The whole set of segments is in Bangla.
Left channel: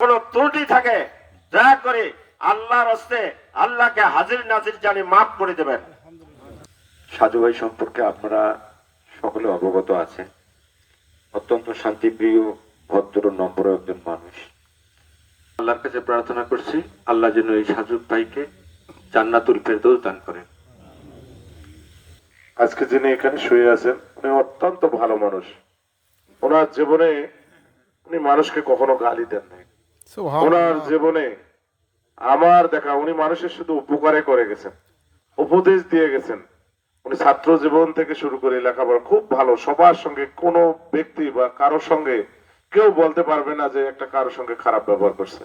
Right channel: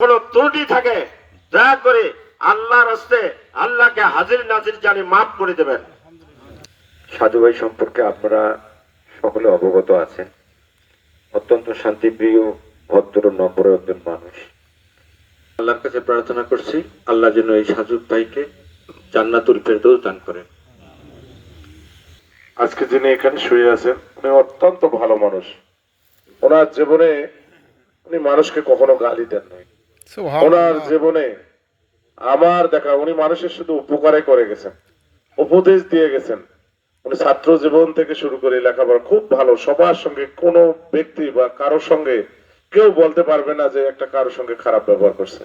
কোনো ত্রুটি থাকে দয়া করে আল্লাহর হস্তে আল্লাহকে হাজির নাজির জানি মাফ করে দেবেন। সাধু ভাই সম্পর্কে আপনারা সকলে অবগত আছেন। অত্যন্ত শান্তিপ্রিয়, ভদ্র, নম্র একজন মানুষ। আল্লাহর কাছে প্রার্থনা করছি আল্লাহ যেন এই সাধু ভাইকে জান্নাতুল ফেরদৌস দান করেন। আজকে যিনি এখানে শুয়ে আছেন উনি অত্যন্ত ভালো মানুষ। ওনার জীবনে উনি মানুষকে কখনো গালি দেন নাই। ওনার জীবনে আমার দেখা উনি মানুষের শুধু উপকারে করে গেছেন, উপদেশ দিয়ে গেছেন। উনি ছাত্র জীবন থেকে শুরু করে লেখাপড়া খুব ভালো, সবার সঙ্গে কোনো ব্যক্তি বা কারোর সঙ্গে কেউ বলতে পারবে না যে একটা কারোর সঙ্গে খারাপ ব্যবহার করছে।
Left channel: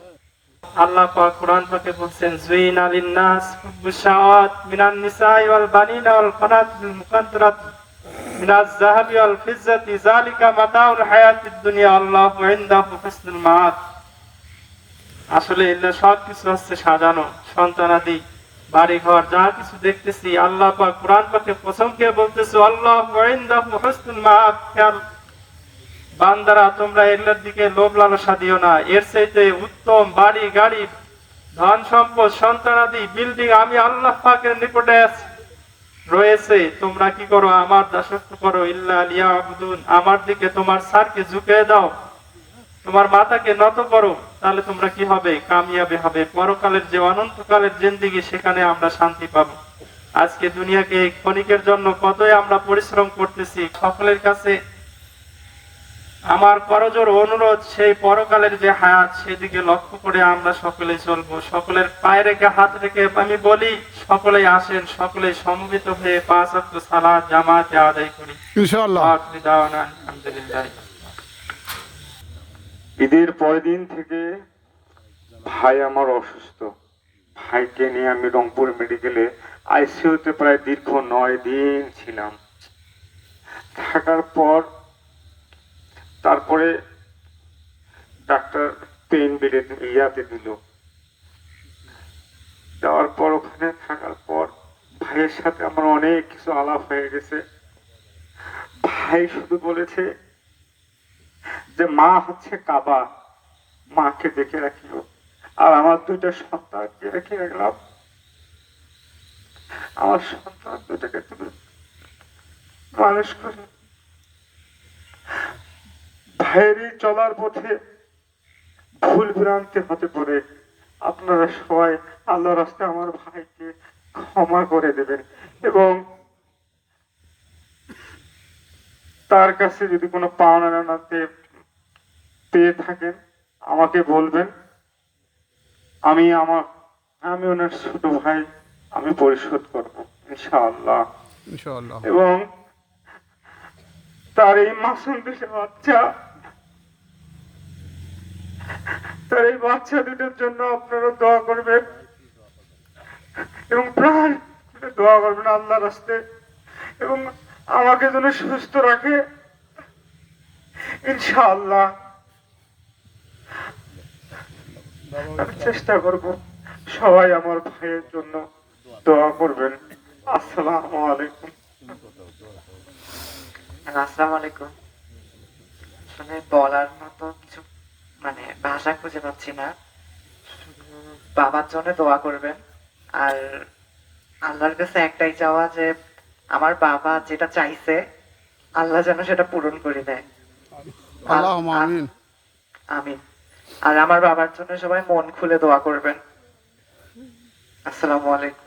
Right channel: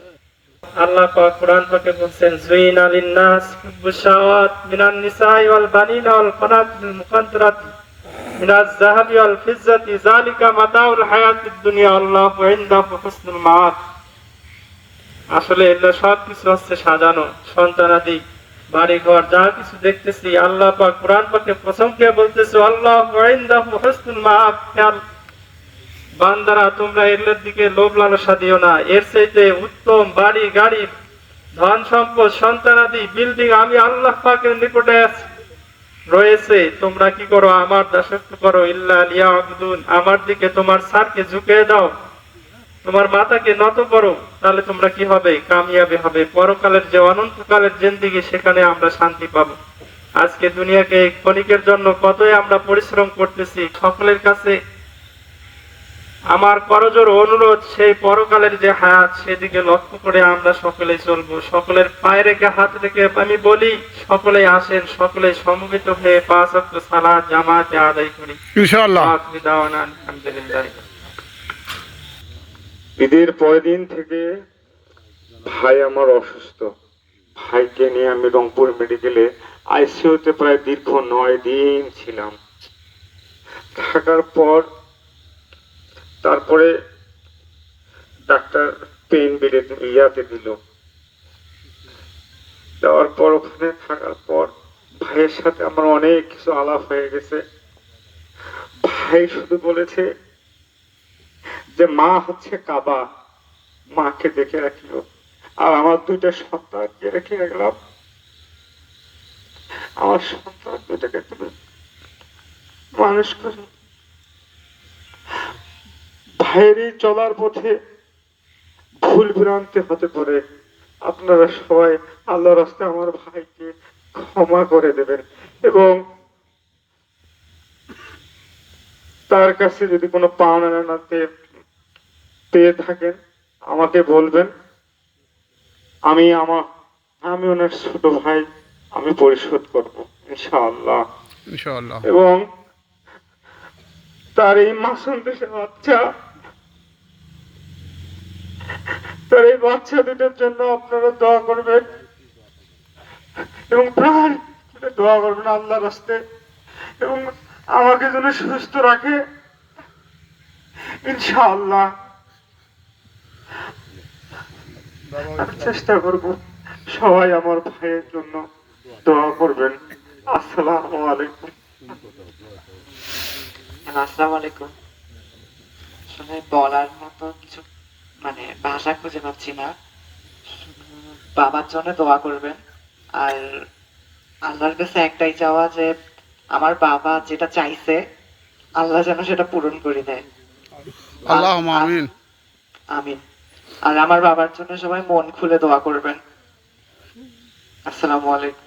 আল্লাহ পাক কোরআন পাকে বলেন যুইনা লিন-নাস হুব্বুশ শাহাওয়াত মিনান নিসাই ওয়াল বানিনা ওয়াল কানাতিল মুকাদ্দারাত মিনাজ যাহাবি ওয়াল ফিজ্জাতি যালিকা মাতাউল হায়াতিদ দুনিয়া আল্লাহু ইনদাহু হুসনুল মাআব। আসলে এটা সব কিছু হচ্ছে সাজানো, সন্তানাদি, বাড়ি ঘর যা কিছু দেখতেছি আল্লাহ পাক কোরআন পাকে প্রসঙ্গে বলতেছে আল্লাহু ইনদাহু হুসনুল মাআব। বান্দারা তোমরা এর দিকে লোভ লালসা দিও না, এর চাইতে উত্তম বাড়ি গাড়ি ধন সম্পদ সন্তানাদি বিল্ডিং আমি আল্লাহ পাকের নিকটে রয়েছে। তোমরা কি করো? আমার দাসত্ব করো। ইল্লা লিয়াবুদুন, আমার দিকে তোমার সারকে ঝুঁকিয়ে দাও, তোমার মাথাকে নত করো, তাহলে তোমরা কি হবে? কামিয়াবি হবে। পরকালের যে অনন্তকালের জিন্দেগি, সেখানে আমরা শান্তি পাবো। আজকে দুনিয়াকে ক্ষণিকের জন্য কতই আমরা পরিশ্রম করতেছি। সকলের কাছে আমার করজোর অনুরোধ, সেই পরকালের যে হায়াত সেদিকে লক্ষ্য করে আমরা সকলেই চলবো। সকলের পায়ে রেখে হাত রেখে আমি বলি সকলেই আসেন, সকলেই সমবেত হয়ে 5 ওয়াক্ত সালাত জামাতে আদায় করি ইনশাআল্লাহ। আলহামদুলিল্লাহ। ঈদের পরের দিন থেকে ভাই আমার অসুস্থ। ভাইকে নিয়ে আমি রংপুর মেডিকেলে আইসিইউতে প্রায় দীর্ঘ 9 দিন ছিলাম। থাকার পর তারপরে ডাক্তার পেইন ইয়াতে দিল। দেওয়ার পর ওখানে থাকার পর ভাইয়ের সাথে আমার অনেক কিছু আলাপ হয়ে গেছে। ভাই শুধু বলেছে যে মা হচ্ছে কাবা, মাকে দেখে রাখিও, আর আমার 2টা সন্তানকে রেখে গেলাম। আমার সন্তান 2টাকে তুমি মানুষ করো। ভাইয়েরই চলার পথে ভুল ভ্রান্তি হতে পারে, আপনারা সবাই আল্লাহর রাস্তায় আমার ভাইকে ক্ষমা করে দেবেন এবং তার কাছে যদি কোনো পাওনা নাতে পেয়ে থাকেন আমাকে বলবেন। আমি ওনার ছোট ভাই, আমি পরিশোধ করবো ইনশাআল্লাহ। এবং তার এই মাসুম দেশের বাচ্চা, তার এই বাচ্চা দুটোর জন্য আপনারা দোয়া করবেন এবং প্রাণ দোয়া করবেন আল্লাহর রাস্তায়, এবং আমাকে যেন সুস্থ রাখে ইনশাআল্লাহ। আমি চেষ্টা করব। সবাই আমার ভাইয়ের জন্য দোয়া করবেন। আসসালামু আলাইকুম। আসসালামু আলাইকুম। আসলে বলার মতো কিছু ভাষা খুঁজে পাচ্ছি না। বাবার জন্য দোয়া করবেন, আর আল্লাহর কাছে একটাই চাওয়া যে আমার বাবা যেটা চাইছে আল্লাহ যেন সেটা পূরণ করে দেয়। আল্লাহুম্মা আমিন। আমিন। আর আমার বাবার জন্য সবাই মন খুলে দোয়া করবেন। আসসালামু আলাইকুম।